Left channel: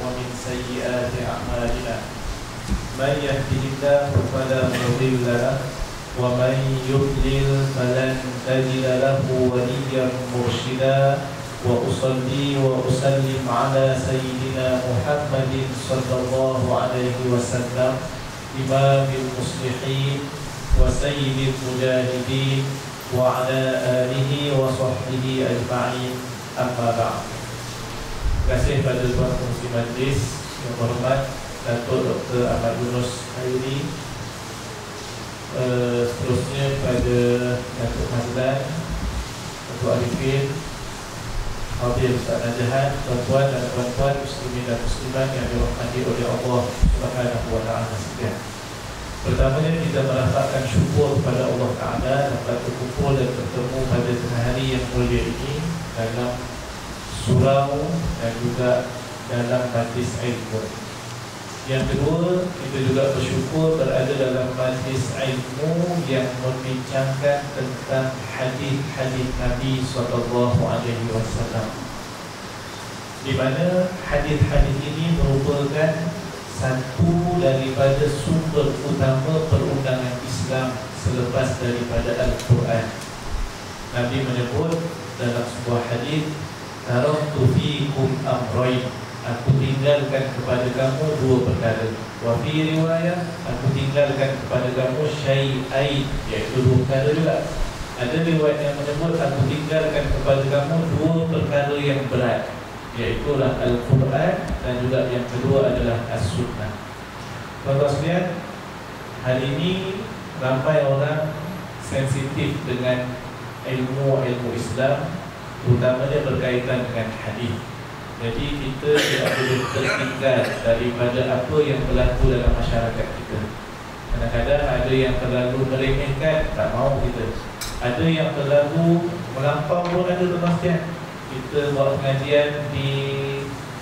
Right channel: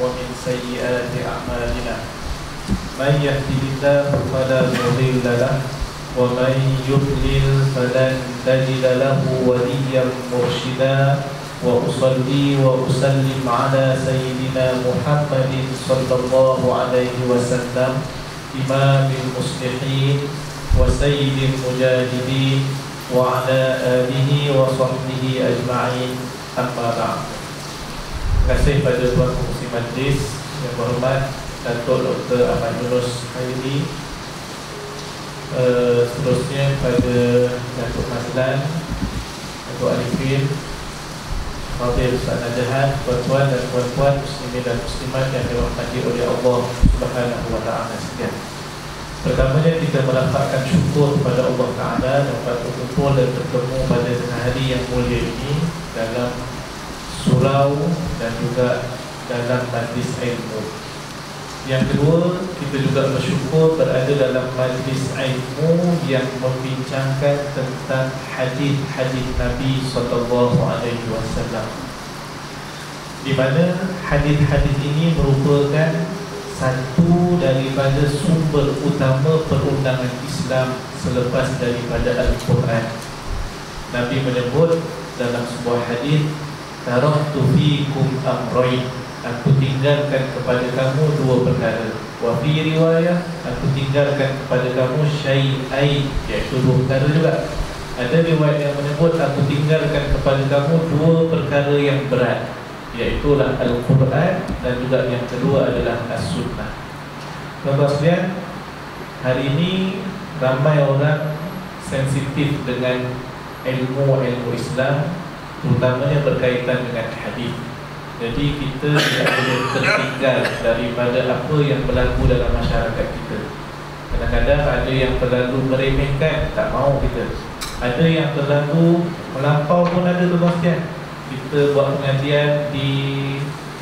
ومن سيئات أعمالنا من يهده الله فلا مضل له ومن يضلل فلن تجد له وليا مرشدا وأصلي وأسلم على سيدنا محمد صلى الله عليه وسلم إمام المصلحين وسيد المجاهدين وعلى آله وصحبه أجمعين أما بعد. Terima kasih pada Tuan Pengurusi Majlis yang berhormat Datuk Dr. Ahmad Yunus Khairi, seterusnya pada Datuk Mazlan, Datuk Arifin, Fadil Ustaz Najahan, tuan-tuan dan puan-puan muslimin dan muslimat yang dirahmati oleh Allah Subhanahu wa taala sekalian. Pertamanya kita melafazkan syukur kepada Allah Taala dapat berkumpul dan bertemu pada tengah hari yang mulia ini dalam surau dan juga dalam majlis ilmu. Yang kedua, kita juga bersyukur berada dalam majlis ilmu yang membincangkan tentang hadis-hadis Nabi SAW, di mana hadis-hadis ini merupakan satu daripada sumber utama perundangan Islam selepas daripada Al-Quran. Nabi menyebut dalam sebuah hadis, taraktu fiikum amrayn, aku tinggalkan kepada kamu dua perkara. Wa fi riwayah, aku tinggalkan kepada kamu syai'ain, iaitu dua perkara juga. Ada riwayat yang menyebut aku tinggalkan kepada kamu dua perkara yang berat, iaitulah Al-Quran dan juga yang kedua adalah As-Sunnah. Tuan-tuan sekalian, hari ini ramai orang sensitif dengan ilmu Islam, terutamanya berkaitan dengan hadis. Jadi kita tidak boleh tertinggal daripada apa yang berlaku dalam masyarakat kita. Kadang-kadang ada yang terlalu meremehkan, tak mahu kita. Ada yang terlalu melampau pun ada, tuan-tuan sekalian. Kita buat pengajian di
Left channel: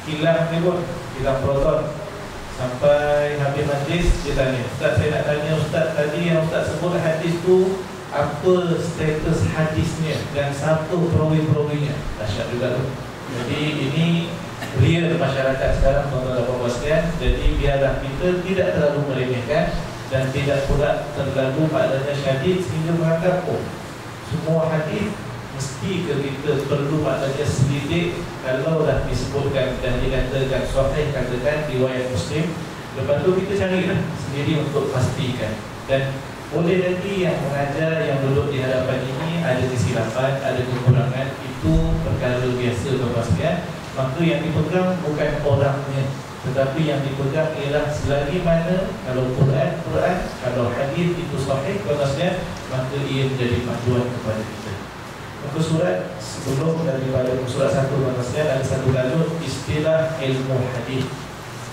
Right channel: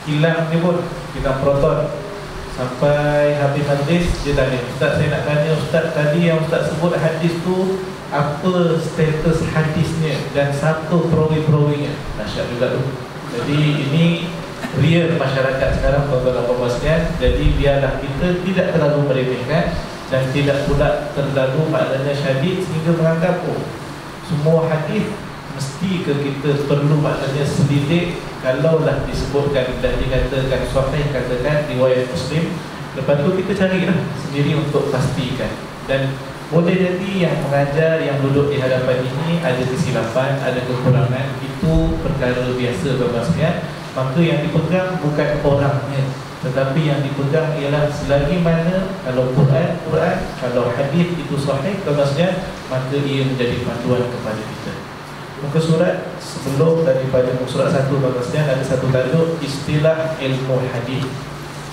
kilang ni pun, kilang Proton, sampai habis majlis dia tanya, Ustaz, saya nak tanya Ustaz, tadi yang Ustaz sebut hadis tu apa status hadisnya dan siapa perawi-perawinya. Dahsyat juga tu. Jadi ini real masyarakat sekarang, tuan-tuan dan puan-puan sekalian. Jadi biarlah kita tidak terlalu meremehkan dan tidak pula terlalu maknanya syadid sehingga menganggap semua hadis mesti ke kita perlu maknanya selidik. Kalau dah disebutkan dan dikatakan sahih, katakan riwayat Muslim, lepas tu kita carilah sendiri untuk pastikan. Dan boleh jadi yang mengajar, yang duduk di hadapan ini ada kesilapan, ada kekurangan, itu perkara biasa, tuan-tuan sekalian. Maka yang dipegang bukan orangnya, tetapi yang dipegang ialah selagi mana kalau Quran, kalau hadis itu sahih, tuan-tuan sekalian, maka ia menjadi panduan kepada kita. Muka surat sebelum daripada muka surat 1, tuan-tuan sekalian, ada satu tajuk istilah ilmu hadis.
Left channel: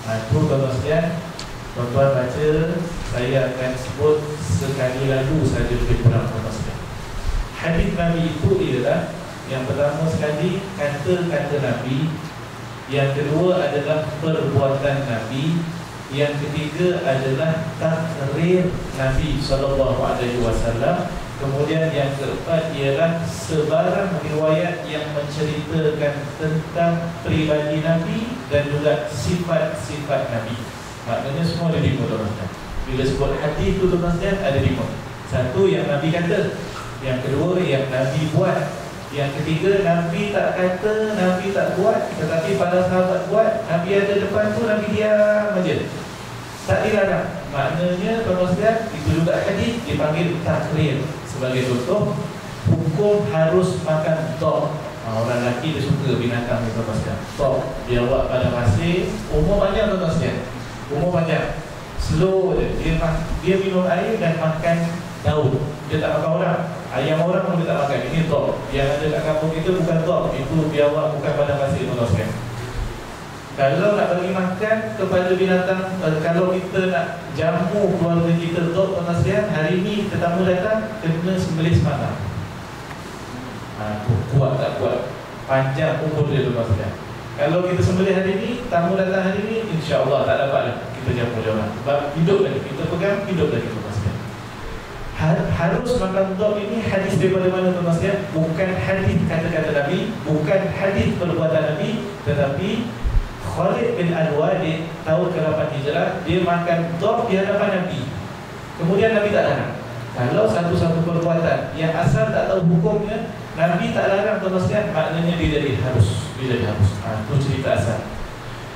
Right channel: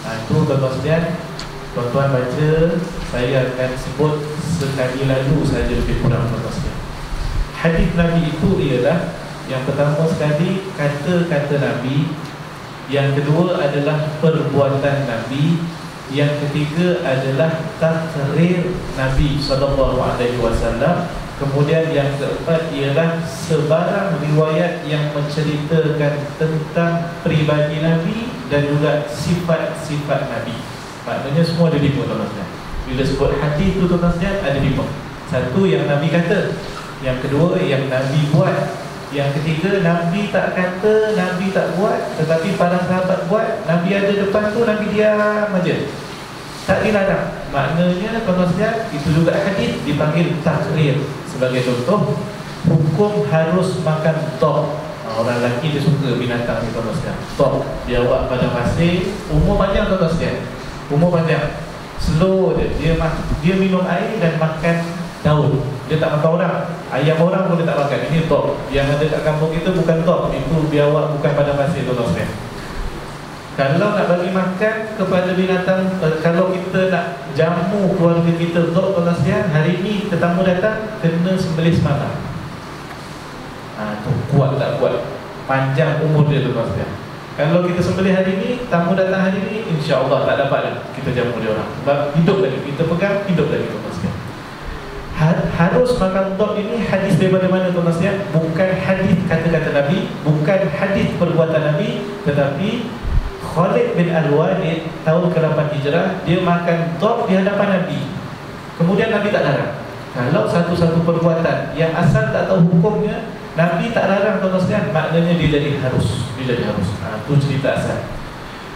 Itu tuan-tuan sekalian, tuan-tuan baca, saya akan sebut sekali lalu saja lebih kurang, tuan-tuan sekalian. Hadis Nabi itu ialah yang pertama sekali kata-kata Nabi, yang kedua adalah perbuatan Nabi, yang ketiga adalah takrir Nabi SAW, kemudian yang keempat ialah sebarang riwayat yang menceritakan tentang pribadi Nabi dan juga sifat-sifat Nabi. Maknanya semua ada 5, tuan-tuan. Bila sebut hadis tu, tuan-tuan, ada 5. Satu, yang Nabi kata. Yang kedua, yang Nabi buat. Yang ketiga, Nabi tak kata, Nabi tak buat, tetapi para sahabat buat. Nabi ada depan tu, Nabi diam aja, tak dilarang. Maknanya, tuan-tuan, itu juga hadis dipanggil takrir. Sebagai contoh, hukum harus makan tok. Orang lelaki dia suka binatang ni, tuan-tuan. Tok, dia buat pada pasir, umur panjang, tuan-tuan. Umur panjang, slow dia minum air dan makan daun. Dia tak makan orang, ayam orang pun dia tak makan. Ini tok. Yang ada kat kampung kita bukan tok, itu biawak bukan pada pasir, tuan-tuan. Kalau nak bagi makan kepada binatang, kalau kita nak jamu keluarga kita tok, tuan-tuan, hari ni tetamu datang, kena sembelih semalam. Tu kuat tak kuat, panjang umur dia, tuan-tuan. Kalau kita sembelih hari ni, tamu datang hari ni, insya-Allah tak dapat dah kita jamu dia orang. Sebab hidup lagi, kita pegang hidup lagi, tuan-tuan. Harus makan tok ini hadis daripada mana, tuan-tuan? Bukan hadis kata-kata Nabi, bukan hadis perbuatan Nabi, tetapi Khalid bin Al-Walid tahun ke-8 Hijrah, dia makan dhab di hadapan Nabi. Kemudian Nabi tak larang. Kalau satu-satu perbuatan yang asal tak tahu hukumnya, Nabi tak larang tuan-tuan, maknanya dia jadi harus. Itu cerita asal.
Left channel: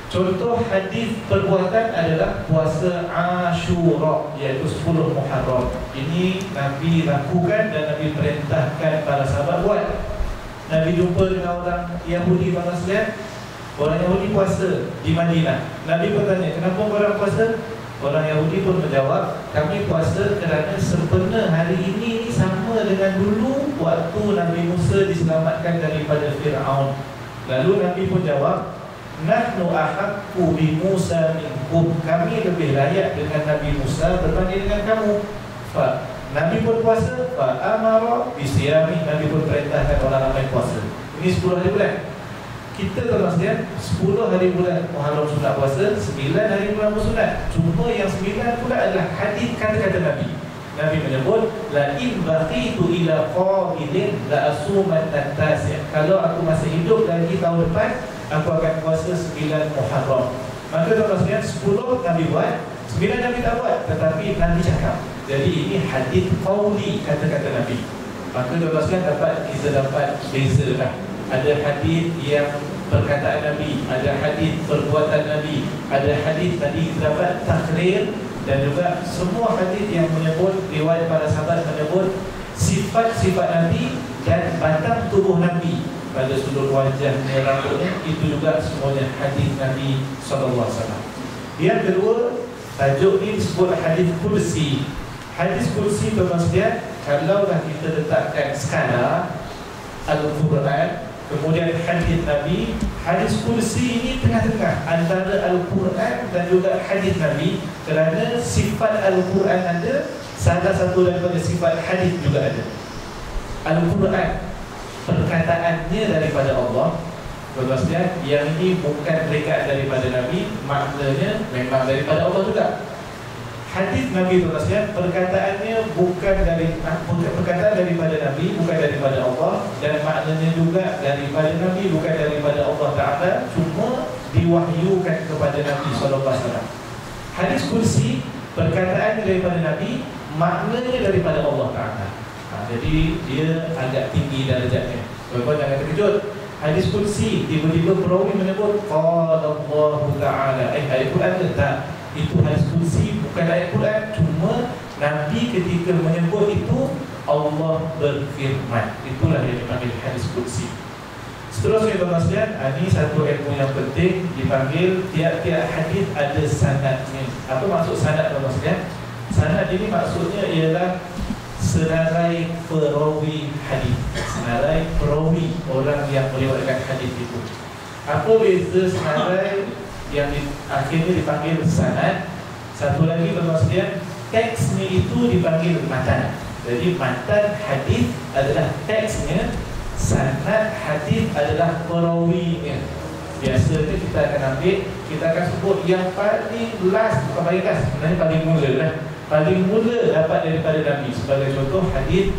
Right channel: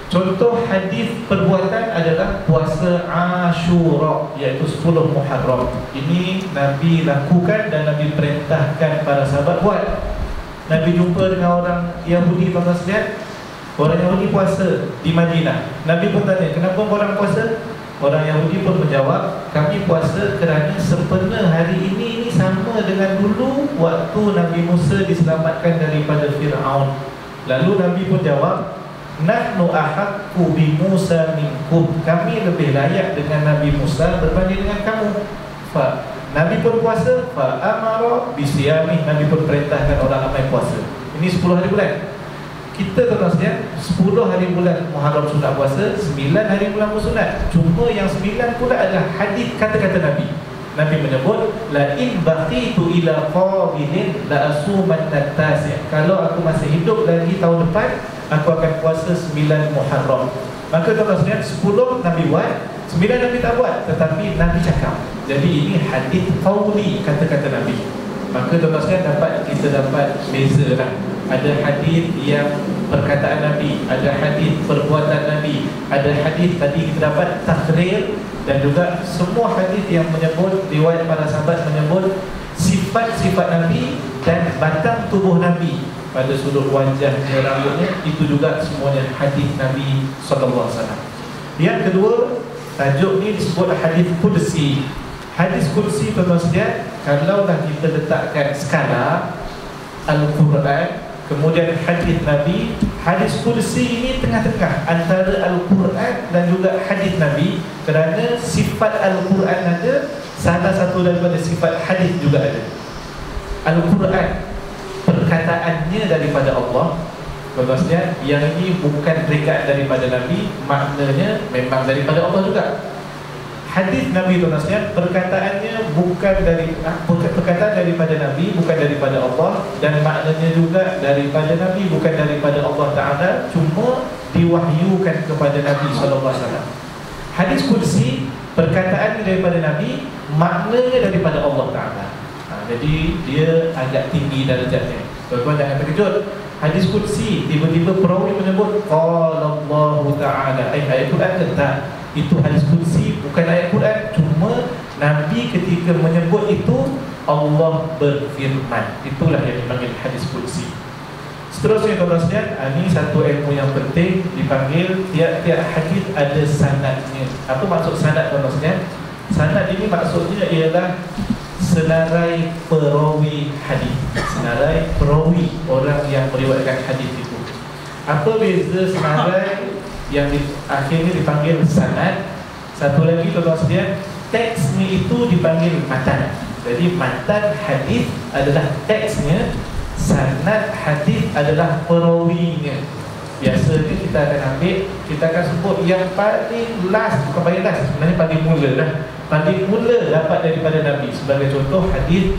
Contoh hadis perbuatan adalah puasa Ashura, iaitu 10 Muharram. Ini Nabi lakukan dan Nabi perintahkan para sahabat buat. Nabi jumpa dengan orang Yahudi tuan-tuan, orang Yahudi puasa di Madinah. Nabi pun tanya, kenapa orang puasa? Orang Yahudi pun menjawab, kami puasa kerana sempena hari ini sama dengan dulu waktu Nabi Musa diselamatkan daripada Fir'aun. Lalu Nabi pun jawab, nahnu ahaqqu bi Musa minkum, kami lebih layak dengan Nabi Musa berbanding dengan kamu. Nabi pun puasa, fa amara bi siyami, Nabi pun perintahkan orang ramai puasa. Ini 10 hari bulan. Kita tuan-tuan, 10 hari bulan Muharram sunat puasa, 9 hari bulan sunat. Cuma yang 9 pula adalah hadis kata-kata Nabi. Nabi menyebut, la in baqitu ila qabilin la asumanna tasi'. Kalau aku masih hidup lagi tahun depan, aku akan puasa 9 Muharram. Maka tuan-tuan, 10 Nabi buat, 9 Nabi tak buat, tetapi Nabi cakap. Jadi ini hadis qauli, kata-kata Nabi. Maka tuan-tuan kita dapat beza lah. Ada hadis yang perkataan Nabi, ada hadis perbuatan Nabi, ada hadis tadi kita dapat takrir, dan juga semua hadis yang menyebut, riwayat para sahabat menyebut sifat-sifat Nabi dan batang tubuh Nabi pada sudut wajahnya, rambutnya, itu juga semuanya hadis Nabi SAW. Yang kedua, tajuk ini disebut hadis Qudsi. Hadis Qudsi tuan-tuan, kalaulah kita letakkan skala Al-Quran, kemudian hadis Nabi, hadis Qudsi ini tengah-tengah antara Al-Quran dan juga hadis Nabi, kerana sifat Al-Quran ada, salah satu daripada sifat hadis juga ada. Al-Quran, perkataannya daripada Allah, tuan-tuan, yang ini bukan rekat daripada Nabi, maknanya memang daripada Allah juga. Hadis Nabi tuan-tuan, perkataannya bukan perkataan daripada Nabi, bukan daripada Allah, dan maknanya juga daripada Nabi, bukan daripada Allah Ta'ala, cuma diwahyukan kepada Nabi SAW. Hadis Qudsi, perkataan daripada Nabi, maknanya daripada Allah Ta'ala. Jadi dia agak tinggi darjatnya. Tuan-tuan jangan terkejut. Hadis Qudsi, tiba-tiba perawi menyebut qala Allah Ta'ala, ayat Quran ke? Tak. Itu hadis Qudsi, bukan ayat Quran. Cuma Nabi ketika menyebut itu, Allah berfirman. Itulah yang dipanggil hadis Qudsi. Seterusnya tuan-tuan, ini satu ilmu yang penting, dipanggil tiap-tiap hadis ada sanadnya. Apa maksud sanad tuan-tuan? Sanad ini maksudnya ialah senarai perawi hadis. Senarai perawi, orang yang meriwayatkan hadis itu. Apa beza senarai yang akhirnya dipanggil sanad? Satu lagi tuan-tuan, teksnya itu dipanggil matan. Jadi matan hadis adalah teksnya, sanad hadis adalah perawinya. Biasanya kita akan ambil, kita akan sebut yang paling last, bukan paling last, sebenarnya paling mula lah. Paling mula dapat daripada Nabi. Sebagai contoh hadis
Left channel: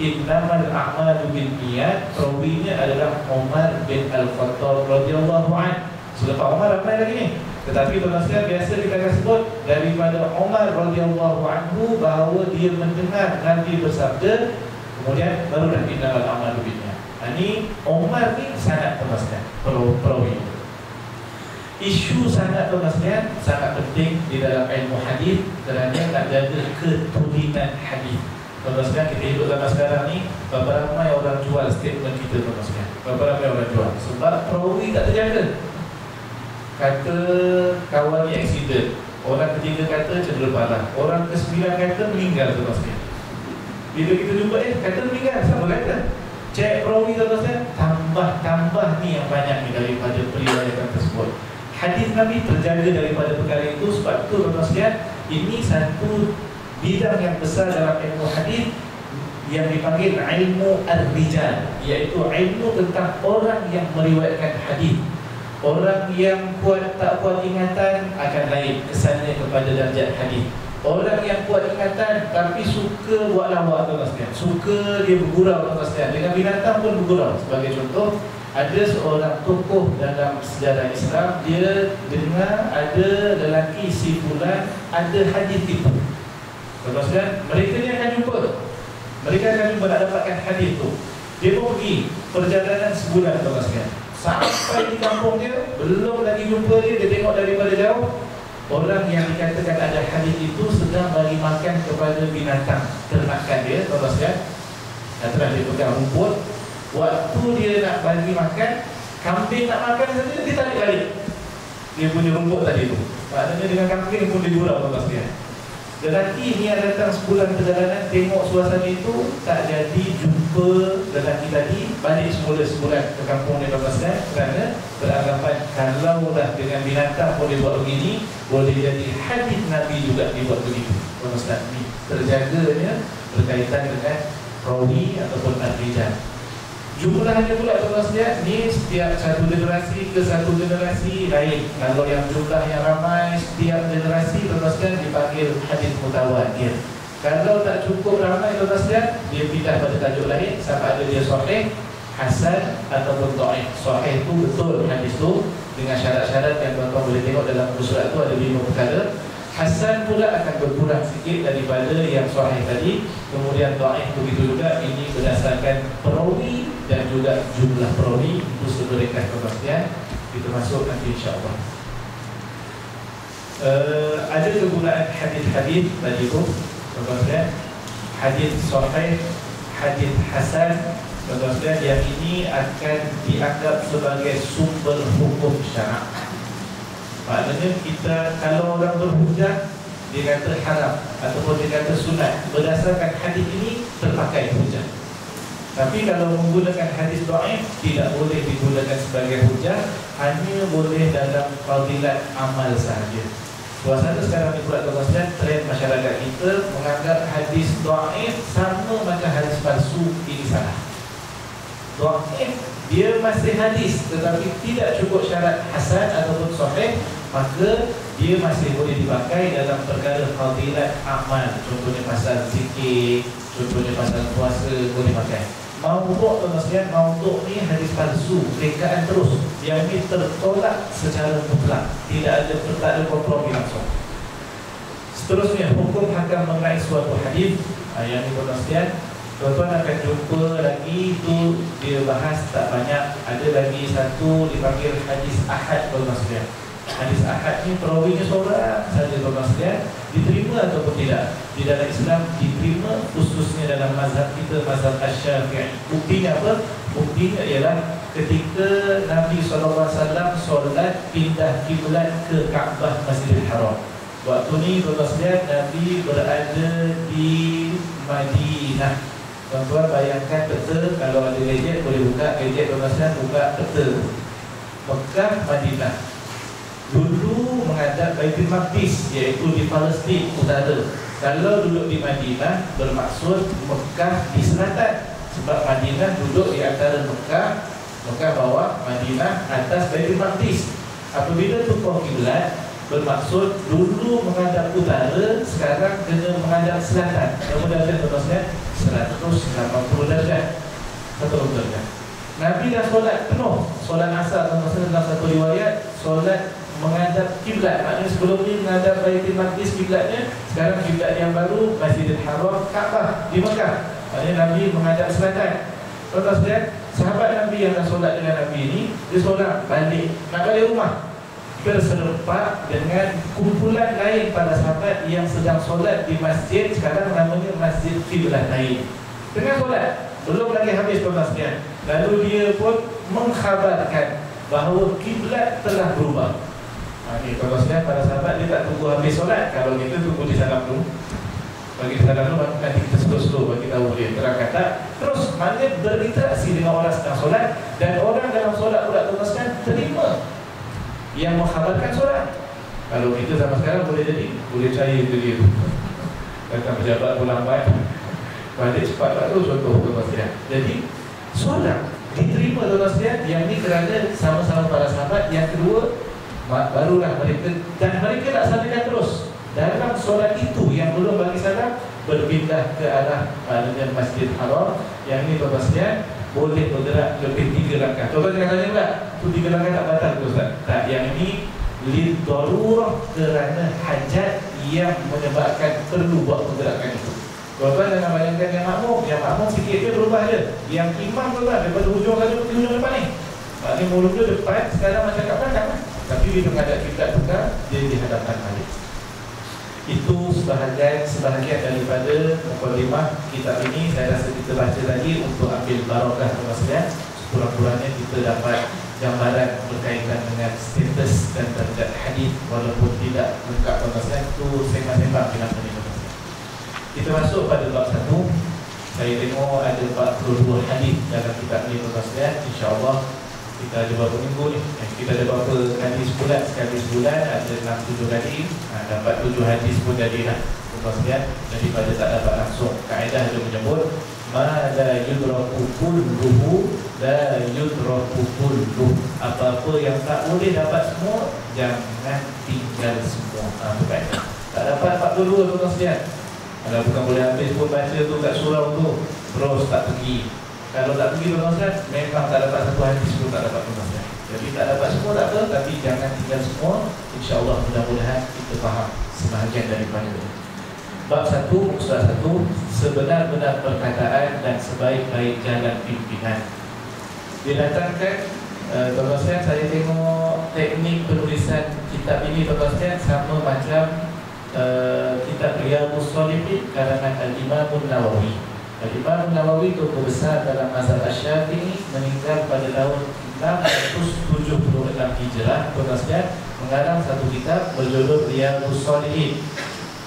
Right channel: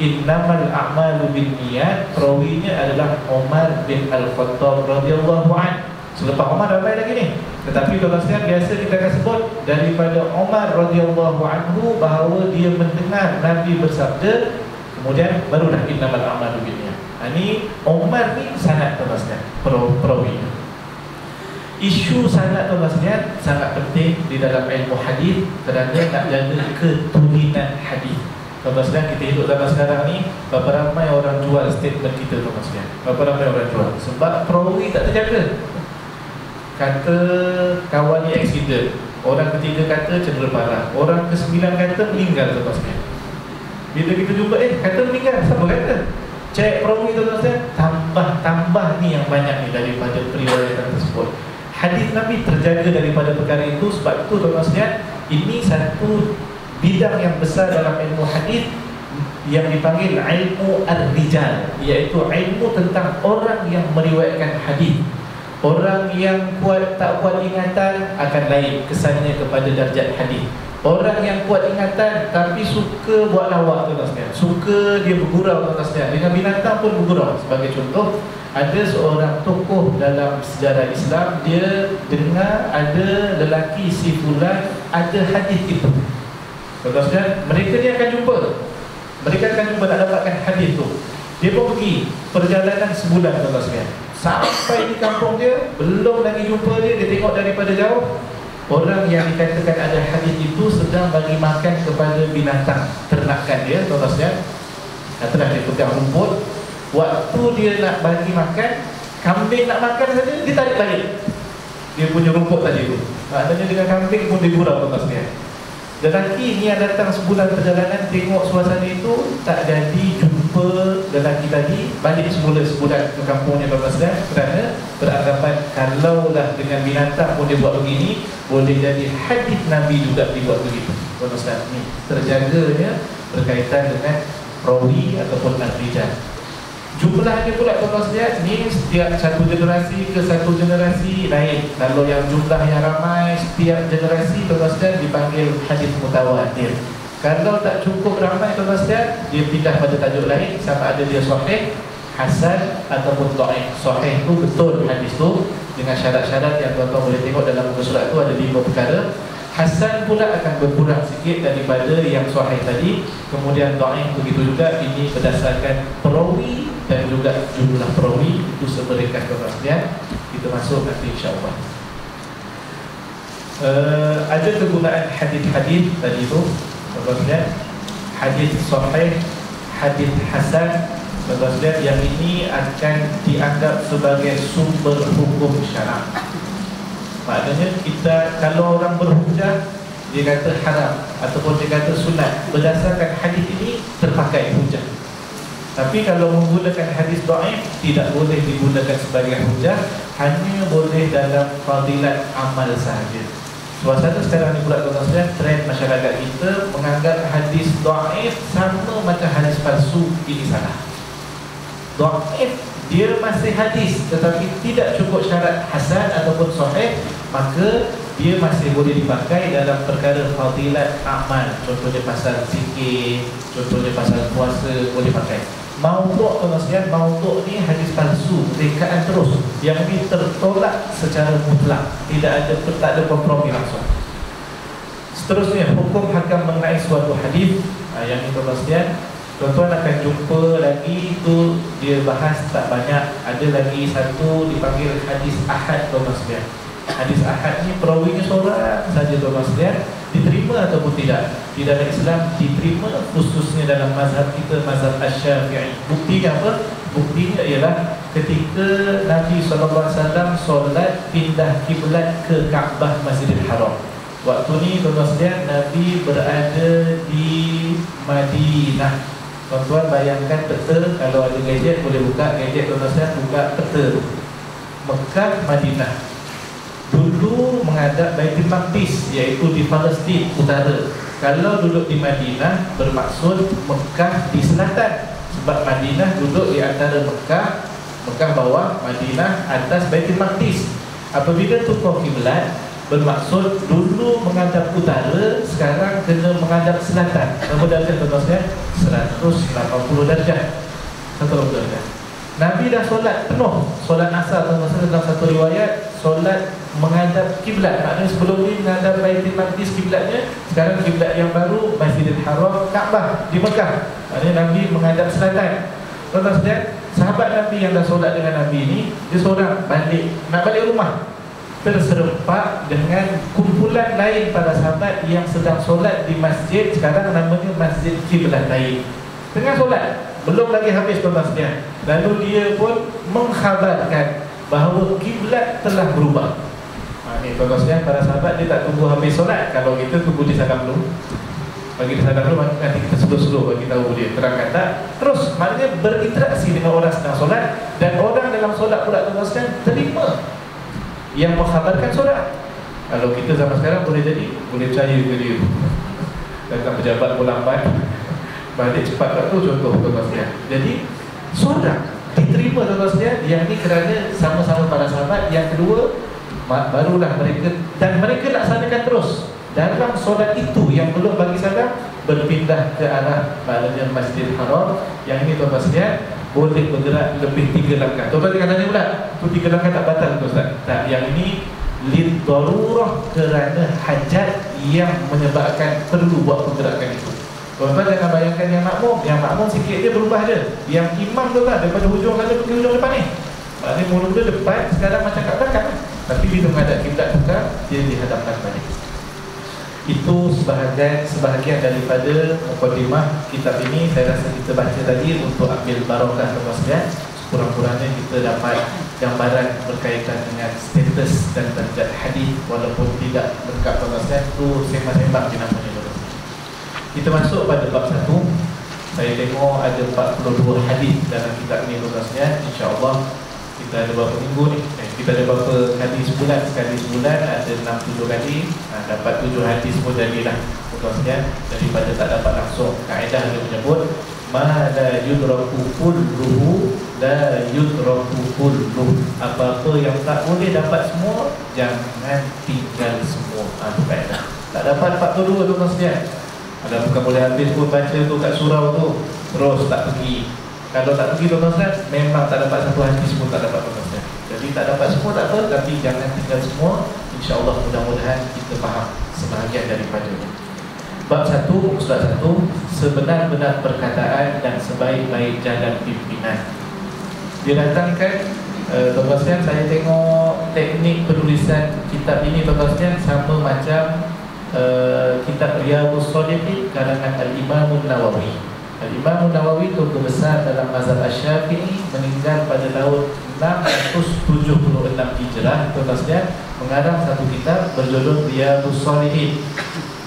innamal a'malu binniyat, perawinya adalah Umar bin Al-Khattab radhiyallahu anhu. Selepas Umar ramai lagi ni, tetapi tuan-tuan, biasa kita akan sebut daripada Umar radhiyallahu anhu bahawa dia mendengar Nabi bersabda, kemudian barulah innamal a'malu binniyat. Ini Umar ni sanad tuan-tuan, perawi. Isu sanad tuan-tuan sangat penting di dalam ilmu hadis, kerana nak jaga keturunan hadis. Tuan-tuan, kita hidup dalam sekarang ni, berapa ramai orang jual statement kita tuan-tuan, berapa ramai orang jual, sebab perawi tak terjaga. Kata kawan ni accident, orang ketiga kata cedera parah, orang ke-9 kata meninggal tuan-tuan. Bila kita jumpa, kata meninggal, siapa kata? Cek perawi tuan-tuan, tambah ni yang banyak ni daripada periwayatan tersebut. Hadis Nabi terjaga daripada perkara itu. Sebab itu tuan-tuan, ini satu bidang yang besar dalam ilmu hadis yang dipanggil ilmu ar-rijal, iaitu ilmu tentang orang yang meriwayatkan hadis. Orang yang kuat tak kuat ingatan akan lain kesannya kepada darjat hadis. Orang yang kuat ingatan tapi suka buat lawak tuan-tuan, suka dia bergurau tuan-tuan, dengan binatang pun bergurau. Sebagai contoh, Ada seorang tokoh dalam sejarah Islam, dia dengar ada lelaki si fulan ada hadis itu. Tuan-tuan, mereka ni akan jumpa. Mereka akan jumpa nak dapatkan hadis tu. Dia pun pergi perjalanan sebulan, tuan-tuan. Sampai di kampung dia, belum lagi jumpa dia, dia tengok daripada jauh. Orang yang dikatakan ada hadis itu sedang bagi makan kepada binatang ternakan dia, tuan-tuan. Katalah dia pegang rumput. Waktu dia nak bagi makan, kambing nak makan saja, dia tarik balik dia punya rumput tadi tu. Maknanya dengan kambing pun dia gurau, tuan-tuan sekalian. Lelaki ni yang datang sebulan perjalanan, tengok suasana itu, tak jadi jumpa lelaki tadi, balik semula sebulan ke kampungnya, tuan-tuan sekalian. Kerana beranggapan kalaulah dengan binatang pun dia buat begini, boleh jadi hadis Nabi juga dibuat begitu, tuan-tuan sekalian. Ni terjaganya berkaitan dengan rawi ataupun al-rijal. Jumlahnya pula, tuan-tuan sekalian, ni setiap satu generasi ke satu generasi lain. Kalau yang jumlah yang ramai, setiap generasi, tuan-tuan sekalian, dipanggil hadis mutawatir. Kalau tak cukup ramai, tuan-tuan sekalian, dia pindah pada tajuk lain, sama ada dia sahih, hasan ataupun dhaif. Sahih tu betul hadis tu dengan syarat-syarat yang tuan-tuan boleh tengok dalam muka surat tu, ada 5 perkara. Hasan pula akan berkurang sikit daripada yang sahih tadi. Kemudian dhaif begitu juga. Ini berdasarkan perawi dan juga jumlah perawi itu seberekas, tuan-tuan sekalian. Kita masuk nanti insya-Allah. Ada kegunaan hadis-hadis tadi tu, tuan-tuan sekalian. Hadis sahih, hadis hasan, tuan-tuan sekalian, yang ini akan dianggap sebagai sumber hukum syarak. Maknanya kita, kalau orang berhujah, dia kata haram ataupun dia kata sunat, berdasarkan hadis ini terpakai hujah. Tapi kalau menggunakan hadis dhaif, tidak boleh digunakan sebagai hujah, hanya boleh dalam fadilat amal sahaja. Suasana sekarang ni pula, tuan-tuan sekalian, trend masyarakat kita menganggap hadis dhaif sama macam hadis palsu, ini salah. Dhaif dia masih hadis tetapi tidak cukup syarat hasan ataupun sahih, maka dia masih boleh dipakai dalam perkara fadilat amal. Contohnya pasal zikir, contohnya pasal puasa, boleh pakai. Maudhu', tuan-tuan sekalian, maudhu' ni hadis palsu, rekaan terus, yang ini tertolak secara mutlak, tidak ada kompromi langsung. Seterusnya, hukum hakam mengenai suatu hadis, yang ini, tuan-tuan sekalian, tuan-tuan akan jumpa lagi tu, dia bahas tak banyak. Ada lagi satu dipanggil hadis ahad, tuan-tuan sekalian. Hadis ahad ni perawinya seorang saja, tuan-tuan sekalian. Diterima ataupun tidak di dalam Islam? Diterima, khususnya dalam mazhab kita, mazhab Asy-Syafi'i. Buktinya apa? Buktinya ialah ketika Nabi SAW solat pindah kiblat ke Kaabah Masjidil Haram. Waktu ni, tuan-tuan sekalian, Nabi berada di Madinah. Tuan-tuan bayangkan peta, kalau ada gadget boleh buka gadget, tuan-tuan sekalian, buka peta Mekah, Madinah. Dulu menghadap Baitul Maqdis, iaitu di Palestin utara. Kalau duduk di Madinah, bermaksud Mekah di selatan. Sebab Madinah duduk di antara Mekah bawah, Madinah atas Baitul Maqdis. Apabila tukar kiblat, bermaksud dulu menghadap utara, sekarang kena menghadap selatan. Berapa darjah, tuan-tuan? 180 darjah. 180 darjah. Nabi dah solat penuh, solat asar, tuan-tuan, dalam satu riwayat solat menghadap kiblat. Maknanya sebelum ni menghadap Baitul Maqdis kiblatnya, sekarang kiblat yang baru Masjidil Haram, Kaabah di Mekah. Maknanya Nabi menghadap selatan. Tuan-tuan sekalian, sahabat Nabi yang dah solat dengan Nabi ni, dia seorang nak balik rumah, terserempak dengan kumpulan lain para sahabat yang sedang solat di masjid, sekarang namanya Masjid Kiblat lain. Tengah solat, belum lagi habis, tuan-tuan sekalian, lalu dia pun mengkhabarkan bahawa kiblat telah berubah. Ni, tuan-tuan sekalian, para sahabat dia tak tunggu habis solat. Kalau kita tunggu di salam dulu, bagi dia salam dulu, nanti kita slow-slow bagi tahu dia terangkan tak. Terus maknanya berinteraksi dengan orang sedang solat, dan orang dalam solat pula, tuan-tuan sekalian, terima yang mengkhabarkan solat. Kalau kita zaman sekarang boleh jadi, boleh percaya ke dia tu, datang pejabat pun lambat, balik cepat tak tu, contoh, tuan-tuan sekalian. Jadi solat diterima, tuan-tuan sekalian, yang ni kerana sama-sama para sahabat. Yang kedua, barulah mereka, dan mereka laksanakan terus dalam solat itu yang belum bagi salam, berpindah ke arah maknanya Masjid Haram. Yang ini, tuan-tuan sekalian, boleh bergerak lebih 3 langkah. Tuan-tuan jangan tanya pula, tu 3 langkah tak batal ke Ustaz? Tak, yang ini lid darurah, kerana hajat yang menyebabkan perlu buat pergerakan itu. Tuan-tuan jangan bayangkan yang makmum sikit dia berubah je. Yang imam tu lah daripada hujung sana ke hujung depan ni. Maknanya mulut dia depan, sekarang macam kat belakang. Tapi bila menghadap kiblat tukar, dia dihadapkan balik. Itu sebahagian daripada mukadimah kitab ini. Saya rasa kita baca tadi untuk ambil barakah kemasyian. Kurang-kurangnya kita dapat gambaran berkaitan dengan status dan darjat hadis, walaupun tidak lengkap kemasyian. Itu sembang-sembang di nama ini. Kita masuk pada bab 1. Saya tengok ada 42 hadis dalam kitab ini kemasyian. InsyaAllah kita ada berapa minggu ni? Kita ada berapa hadis sebulan? Sekali sebulan ada 6-7 kali. Dapat 7 hadis pun jadilah kemasyian. Daripada tak dapat langsung, kaedah dia menyebut ma la yudraku kulluhu la yudraku kulluh. Apa-apa yang tak boleh dapat semua, jangan tinggal semua. Itu kaedah. Tak dapat 42 tu kemasyian, ada bukan boleh habis pun baca tu kat surau tu, terus tak pergi. Kalau tak pergi tuan-tuan, memang tak dapat satu hadis pun tak dapat tuan-tuan. Jadi tak dapat semua tak apa, tapi jangan tinggal semua. InsyaAllah mudah-mudahan kita faham sebahagian daripadanya. Bab 1, Ustaz 1, sebenar-benar perkataan dan sebaik-baik jalan pimpinan. Dia datangkan, tuan-tuan, saya tengok teknik penulisan kitab ini tuan-tuan sama macam kitab Riyadhus Shalihin karangan Al-Imam Nawawi. Al-Imam Nawawi itu besar dalam mazhab Asy-Syafi'i, meninggal pada tahun 676 Hijrah. Tuan-tuan, mengarang satu kitab berjudul Riyadhus Shalihin.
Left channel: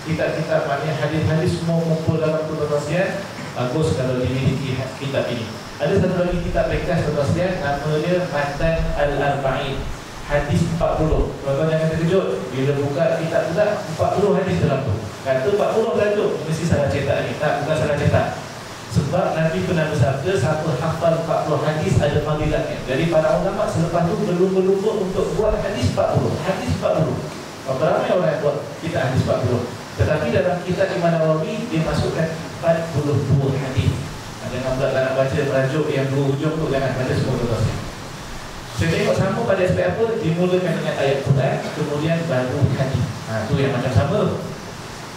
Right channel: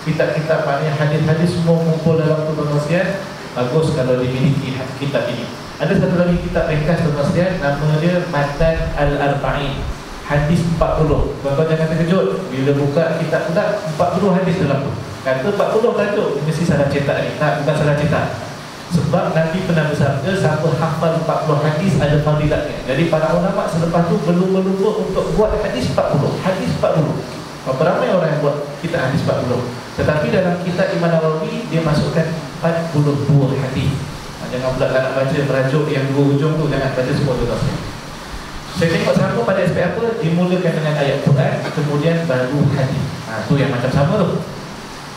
Kitab-kitab maknanya hadis-hadis semua kumpul dalam tu tuan-tuan. Bagus kalau dimiliki kitab ini. Ada satu lagi kitab ringkas tuan-tuan, nama dia Matan Al-Arba'in, hadis 40. Tuan-tuan jangan terkejut bila buka kitab tu, tak 40 hadis dalam tu. Kata 40 tajuk, mesti salah cetak ni. Tak, bukan salah cetak. Sebab Nabi pernah bersabda, siapa hafal 40 hadis ada fadilatnya. Jadi para ulama selepas tu berlumba-lumba untuk buat hadis 40. Hadis 40. Berapa ramai orang yang buat kitab hadis 40. Tetapi dalam kitab Imam Nawawi, dia masukkan 40 buah hadis. Jangan pula nak baca merajuk yang dua hujung tu, jangan baca semua tu. Saya tengok sama pada aspek apa, dimulakan dengan ayat Quran, kemudian baru hadis. Tu yang macam sama tu.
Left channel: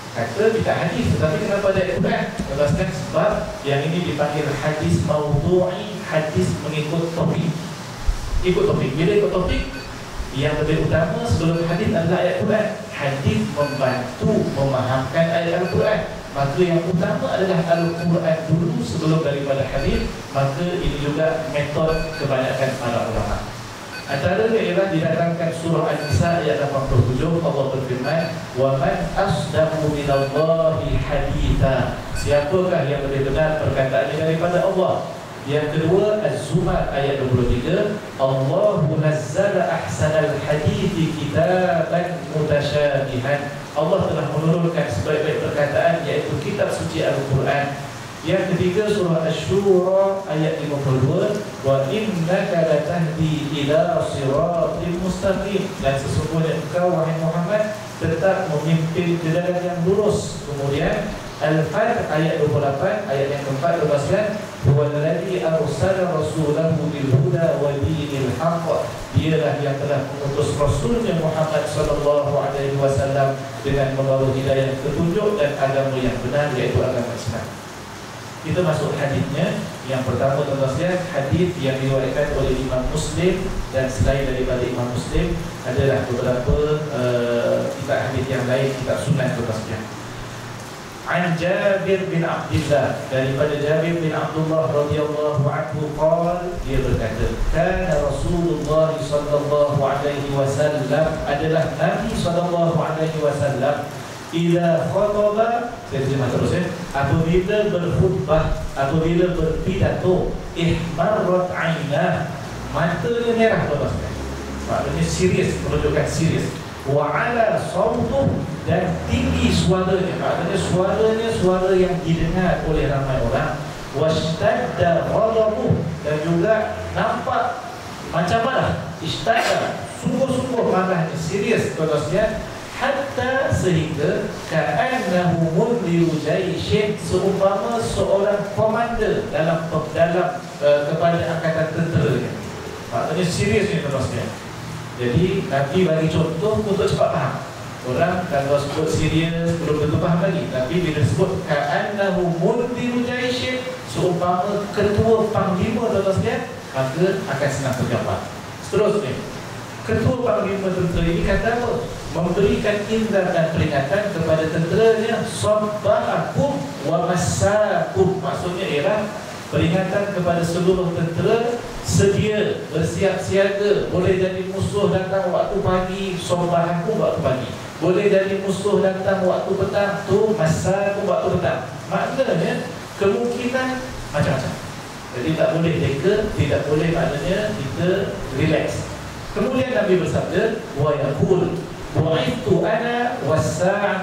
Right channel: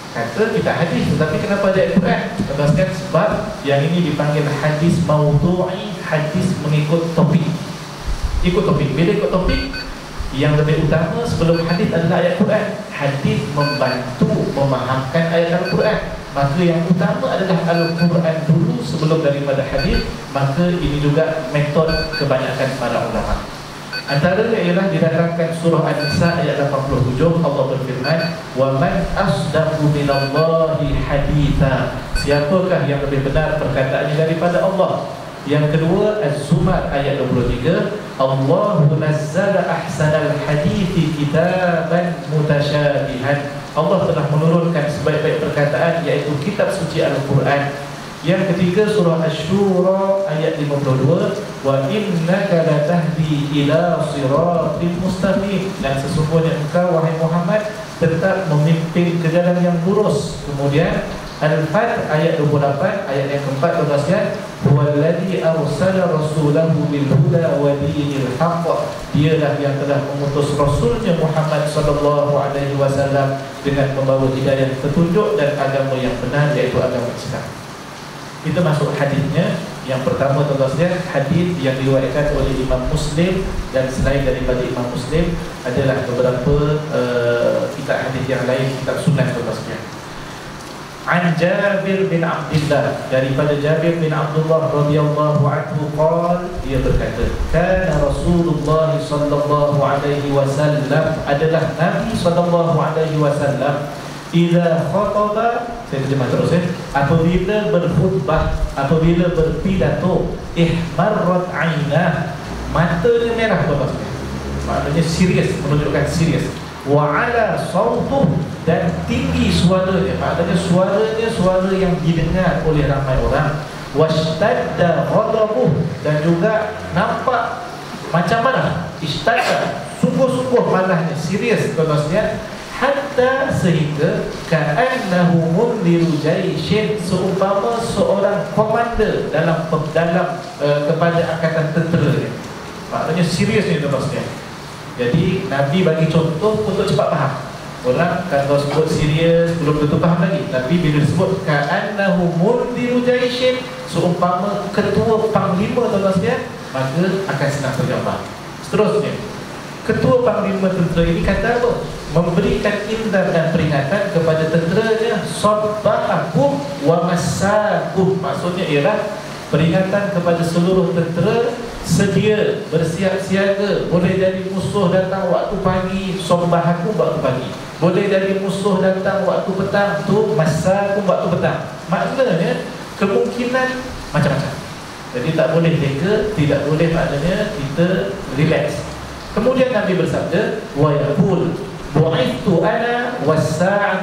Kata kita hadis, tetapi kenapa ada ayat Quran? Jelaskan sebab yang ini dipanggil hadis maudhu'i, hadis mengikut topik. Ikut topik. Bila ikut topik, yang lebih utama sebelum hadis adalah ayat Quran. Hadis membantu memahamkan ayat Al-Quran. Maka yang utama adalah Al-Quran dulu sebelum daripada hadis. Maka ini juga metod kebanyakan para ulama. Antaranya ialah didatangkan surah An-Nisa ayat 87. Allah berfirman, "Wa man asdaqu minallahi haditha." Siapakah yang lebih benar perkataannya daripada Allah? Yang kedua, Az-Zumar ayat 23, "Allahu nazzala ahsanal hadithi kitaban mutasyabihan." Allah telah menurunkan sebaik-baik perkataan, iaitu kitab suci Al-Quran. Yang ketiga, surah Asy-Syura ayat 52, "Wa innaka latahdi ila siratin mustaqim." Dan sesungguhnya engkau wahai Muhammad tetap memimpin ke jalan yang lurus. Kemudian Al-Fat ayat 28, ayat yang keempat tuan-tuan, "Huwallazi arsala rasulahu bil huda wa dinil haqq." Dialah yang telah mengutus rasulnya Muhammad sallallahu alaihi wasallam dengan membawa hidayah petunjuk dan agama yang benar, iaitu agama Islam. Kita masuk hadisnya. Yang pertama tuan-tuan, hadis yang diriwayatkan oleh Imam Muslim, dan selain daripada Imam Muslim adalah beberapa kitab hadis yang lain, kitab sunnah tuan-tuan. An Jabir bin Abdullah, daripada Jabir bin Abdullah radhiyallahu anhu qala, dia berkata, kana Rasulullah sallallahu alaihi wasallam, adalah Nabi sallallahu alaihi wasallam, idza khataba, saya terjemah terus apabila berkhutbah, apabila berpidato, ihmarrat ainah, matanya merah tuan-tuan. Maknanya serius, menunjukkan serius. Wa ala sautuh, dan tinggi suaranya, maknanya suaranya suara yang didengar oleh ramai orang. Washtadda ghadabuh, dan juga nampak macam mana, ishtadda, sungguh-sungguh marahnya, serius tuan-tuan. hatta sehingga ka'annahu mundiru jaishin, seumpama seorang komander dalam kepada angkatan tentera. Maknanya serius ni tuan-tuan. Jadi Nabi bagi contoh untuk cepat faham. Orang kalau sebut serius belum tentu faham lagi, tapi bila sebut ka'annahu mundiru jaishin, seumpama ketua panglima tuan-tuan, maka akan senang terjawab. Seterusnya, ketua panglima tentera ini kata apa? Memberikan inzar dan peringatan kepada tenteranya, sabbahakum wa massakum. Maksudnya ialah peringatan kepada seluruh tentera, sedia, bersiap siaga. Boleh jadi musuh datang waktu pagi, sabbahakum waktu pagi. Boleh jadi musuh datang waktu petang, tu massakum waktu petang. Maknanya kemungkinan macam-macam. Jadi tak boleh lega, tidak boleh maknanya kita relax. Kemudian Nabi bersabda, wa yaqul bu'ithu ana was-sa'atu